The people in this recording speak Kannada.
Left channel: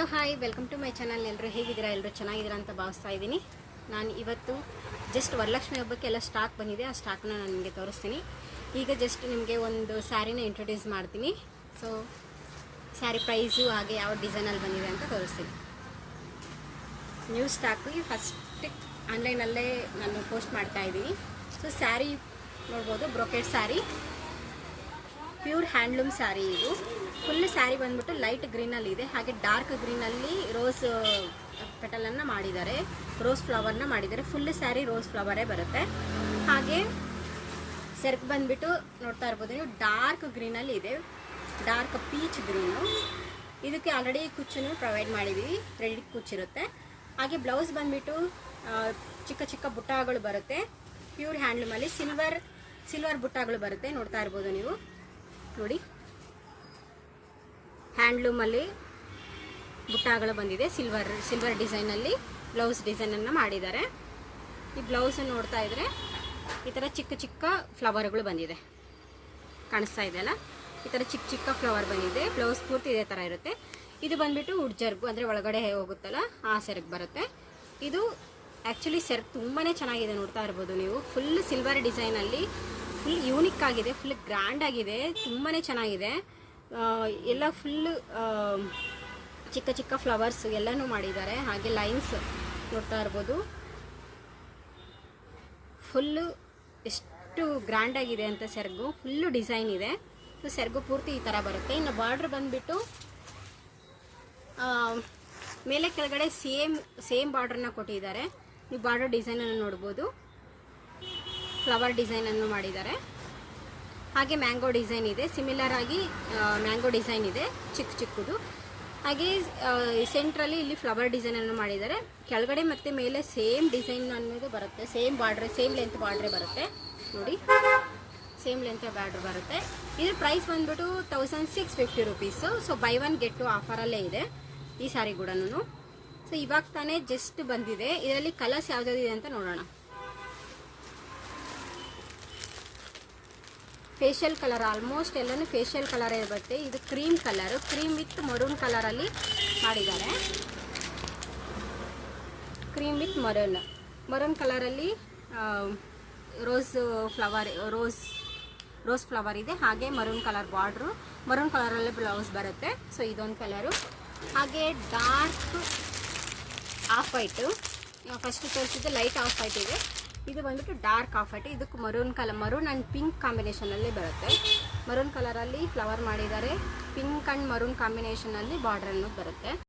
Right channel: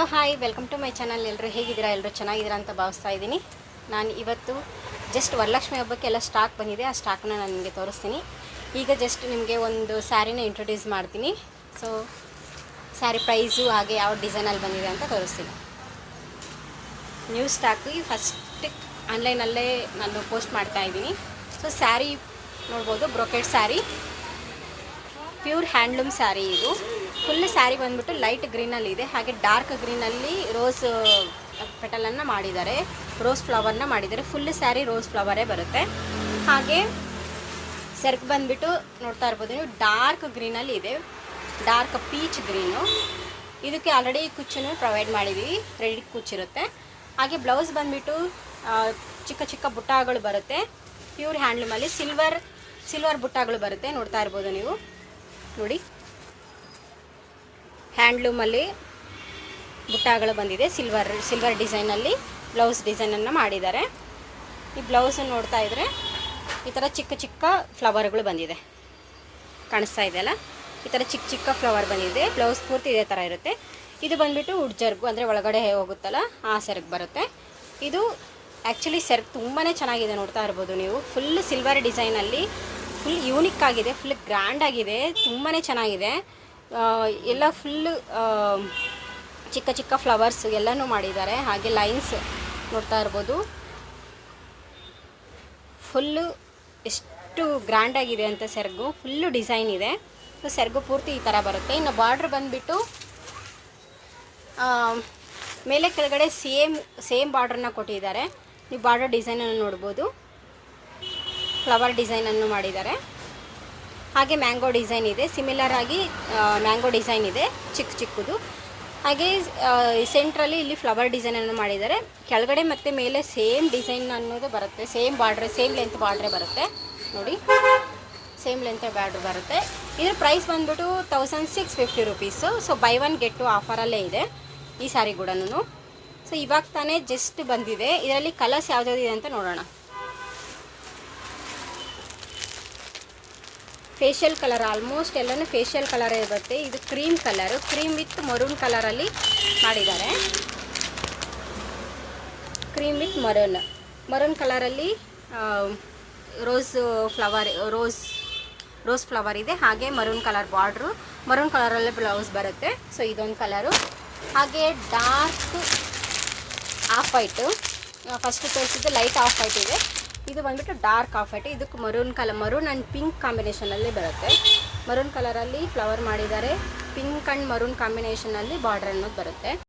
Hello hi, welcome to my channel. ಎಲ್ಲರೂ ಹೇಗಿದ್ದೀರಾ? ಎಲ್ಲರೂ ಚೆನ್ನಾಗಿದ್ದೀರಾ ಅಂತ ಭಾವಿಸ್ತಾ ಇದ್ದೀನಿ. ನಾನು ಇವತ್ತು ಜಸ್ಟ್ ವರಲಕ್ಷ್ಮಿ ಹಬ್ಬಕ್ಕೆ ಎಲ್ಲ ಸ್ಟಾಕ್ ಬಂದಿದೆ, ಆ ಸ್ಟಾಕ್ನ ನಾನು ನಿಮಗೆ ತೋರಿಸ್ತೀನಿ. ಈಗ ಜಸ್ಟ್ ನಿಮಗೆ ಒಂದು ಸ್ಯಾರಿನ ಇಂಟ್ರೊಡ್ಯೂಸ್ ಮಾಡ್ತೀನಿ. ಸೊ ಸ್ಯಾರಿ ಪ್ರೈಸು ಹಾಗೆ ಯಾವ ಡಿಸೈನಲ್ಲಿ ಬಂದಿದೆ ಅಂತ ತೋರಿಸ್ತೀನಿ. ನ್ಯೂ ಸ್ಟಾಕು ಈ ಫಸ್ಟ್ ಆನ್ಲೈನಲ್ಲೇ ನಾನು ಪೋಸ್ಟ್ ಮಾಡ್ತಾ ಇದ್ದೀನಿ. ಸೊ ಸ್ಯಾರಿ ನೋಡ್ಬೋದು, brocade sari, pure handloom sari. ಇದು ಫುಲ್ ಸ್ಯಾರಿ ಬಂದ್ಬಿಟ್ಟು ಲೈಟ್ ಗ್ರೀನಲ್ಲಿ ಇದೆ, ಹಾಗೆ ಡಾರ್ಕ್ ಗ್ರೀನಲ್ಲಿ ರೋಸ್ ಪೆಟಲನ್ನು ಮಾಡಿದ್ದಾರೆ, ರೋಸ್ ಫ್ಲವರ್ನ ಮಾಡಿದ್ದಾರೆ. ಫುಲ್ ಸ್ಯಾರಿ ರೋಸ್ ಫ್ಲವರೇ ಬರುತ್ತೆ. ಹಾಗೆ ಸೆರ್ಕ್ ಬಂದ್ಬಿಟ್ಟು ನೋಡ್ತಾ ಇರ್ಬೋದು ನೀವು, ಡಾರ್ಕ್ ಗ್ರೀನಲ್ಲಿ ಇದೆ, ಡಾರ್ಕ್ ಪೀಚ್ ಗ್ರೀನು. ಇದಕ್ಕೆ ಆಲ್ರೆಡಿ ಕುಚ್ಚನ್ನು ಪ್ರೊವೈಡ್ ಮಾಡಿದ್ದೀವಿ, ರೆಡಿ ಕುಚ್ಚಿರುತ್ತೆ. ಹಾಗೆ ಬ್ಲೌಸ್ ಬಂದ್ಬಿಟ್ಟು ಚಿಕ್ಕ ಚಿಕ್ಕ ಬುಟ್ಟಾಗಳು ಬರುತ್ತೆ, ಪ್ಯೂರ್ ಹ್ಯಾಂಡ್ಲೂಮಲ್ಲಿ ಸಿಲ್ವರ್ ಬುಟ್ಟಾಗಳು ಬರುತ್ತೆ. ನೋಡ್ತಾ ಇರ್ಬೋದು ನೀವು, ನೋಡಿ ಹ್ಯಾಂಡ್ಲೂಮಲ್ಲಿ ಬುಟ್ಟಾಗಳು ಬಂದಿದೆ. ಸಿಲ್ವರ್ ಡಿಸೈನಲ್ಲಿ ಬ್ಲೌಸ್ ಡಿಸೈನನ್ನು ಮಾಡಿದ್ದಾರೆ. ಈ ಬ್ಲೌಸನ್ನು ನೋಡ್ತಾ ಇದ್ದರೆ ಈ ಥರ ಚಿಕ್ಕ ಚಿಕ್ಕ ಫ್ಲವರ್ಗಳು ಬಂದಿದೆ, ಕಾಣಿಸ್ತಾ ಇದೆಯಲ್ಲ, ಈ ಥರ ಚಿಕ್ಕ ಚಿಕ್ಕ ಫ್ಲವರ್ ಬಂದಿದೆ. ಬ್ಲೌಸ್ ಪೂರ್ತಿ ಇದೇ ಥರ ಇರುತ್ತೆ. ಇದು ಬಂದುಬಿಟ್ಟು ಉಡ್ಜರ್ಗು, ಅಂದರೆ ಒಳಗಡೆ ಹೋಗುತ್ತಲ್ಲ ಆ ಸೆರ್ಗ್ ಬರುತ್ತೆ. ಇದು ಆ್ಯಕ್ಚುಲಿ ಸೆರ್ಗ್ ತುಂಬಾ ಚೆನ್ನಾಗಿದೆ, ನೋಡ್ತಾ ಇರ್ಬೋದು ನೀವು. ಫುಲ್ ಸಿಲ್ವರ್ ಡಿಸೈನಲ್ಲಿ ಫುಲ್ ಯೂನಿಕ್ ಆಗಿದೆ, ಫುಲ್ ಗ್ರ್ಯಾಂಡ್ ಆಗಿದೆ, ತುಂಬಾ ಚೆನ್ನಾಗಿದೆ. ಎಲ್ಲ ಫುಲ್ಲು ಚಿಕ್ಕ ಚಿಕ್ಕ ಫ್ಲವರ್ಸ್ ಎಲ್ಲನೂ ಮಾಡಿದ್ದಾರೆ. ಹಾಗೆ ಲೈನ್ಸ್ ನೋಡ್ತಾ ಇರ್ಬೋದು, ಫುಲ್ಲು ಎಷ್ಟು ಗ್ರ್ಯಾಂಡ್ ಆಗಿದೆ ಅಂತ ಸೆರ್ಗು, ಫುಲ್ಲು ಡಿಸೈನ್ ಇದೆ. ಸೊ ಸೆರ್ಗು ಪೂರ್ತಿ ಈ ಥರ ಬರುತ್ತೆ. ಇನ್ನು ಬಾರ್ಡ್ರ್ ಬಂದುಬಿಟ್ಟು ಮೇಲೆ ಕೆಳಗಡೆ ಸೇಮ್ ಬಾರ್ಡ್ರನ್ನ ಕೊಟ್ಟಿದ್ದಾರೆ. ನೀವು ಬಾರ್ಡರ್ ಡಿಸೈನನ್ನು ನೋಡ್ಬೋದು, ಫ್ಲವರ್ ಡಿಸೈನನ್ನು ಮಾಡಿದ್ದಾರೆ. ಹಾಗೆ ಮ್ಯಾಂಗೋ ಡಿಸೈನ್ ಇದೆ, ಸಿಮಿಲರ್ ಆಗಿ ಮ್ಯಾಂಗೋ ಡಿಸೈನ್ ಇದೆ, ಚಿಕ್ಕ ಚಿಕ್ಕದು. ಹಾಗೆ ಸೆಂಟ್ರಲ್ಲಿ ಇಲ್ಲಿ ಫ್ಲವರ್ ಡಿಸೈನನ್ನು ಮಾಡಿದ್ದಾರೆ. ಕೆಳಗಡೆ ಮತ್ತು ಮೇಲೆ ಸೇಮ್ ಡಿಸೈನ್ ಅನ್ನೋದು ಬರುತ್ತೆ, ಸೇಮ್ ಬಾರ್ಡ್ರೆ, ಸೇಮ್ ಲೆಂತ್ ಬಾರ್ಡ್ರೆ ಬರುತ್ತೆ. ನೋಡಿ, ಸೇಮ್ ಲೆಂತ್ ಬಾರ್ಡ್ರ್ ಬರುತ್ತೆ. ಇದ್ರ ಪ್ರೈಸ್ ಬಂದ್ಬಿಟ್ಟು 1650 rupees. So buy one get two ಆಫರಲ್ಲೇ ಇದೆ ಈ ಸ್ಯಾರಿ ಕೂಡ. ಸೊ ಇವಾಗ ತಾನೇ ಜಸ್ಟ್ ಬಂದಿದೆ. ಇದರಲ್ಲಿ ಕಲರ್ಸ್ ಯಾವುದಿದೆ ಅಂತ ನೋಡೋಣ. ಫೇಶಿಯಲ್ ಕಲರ್, ಆಲ್ಮೋಸ್ಟ್ ಎಲ್ಲನೂ ಫೇಶಿಯಲ್ ಕಲರೇ ಇರುತ್ತೆ. ಇದು cream colour, cream with maroon ಕಲರಲ್ಲಿ ಮಾಡಿದ್ದಾರೆ. ಕ್ರೀಮ್ ವಿತ್ ಮರೂನ್ ಕಲರಲ್ಲಿ ರೋಸ್ ಫ್ಲವರ್ ಇದೆ. ಹಾಗೆ ಮರೂನ್ ಕಲರ್ ಬಾರ್ಡ್ರು, ಮರೂನ್ ಕಲರಲ್ಲಿ ಬ್ಲೌಸ್ ಬರುತ್ತೆ. ಸೊ ಇದೊಂದು ಕಲರು. ಹಾಗೆ ಡಾರ್ಕ್ ಆಫ್ ವೈಟು, ಫಸ್ಟ್ ತೋರಿಸಿದ್ದು ಲೈಟ್ ಆಫ್ ವೈಟ್ ಇದೆ, ಇದು ಬಂದ್ಬಿಟ್ಟು ಡಾರ್ಕ್ ಆಫ್ ವೈಟ್. ಇದಕ್ಕೆ ಮರೂನ್ ಆ್ಯಂಡ್ ಪಿಂಕ್ ಕಾಂಬಿನೇಷನಲ್ಲಿ ಬರುತ್ತೆ. ಮರೂನ್ ಕಲರಲ್ಲಿ ಫ್ಲವರ್ ಮಾಡಿದ್ದಾರೆ, ಪಿಂಕ್ ಆ್ಯಂಡ್ ಮರೂನ್ ಕಾಂಬಿನೇಷನಲ್ಲಿ ಬಾರ್ಡರ್ ಅನ್ನೋದು ಬರುತ್ತೆ.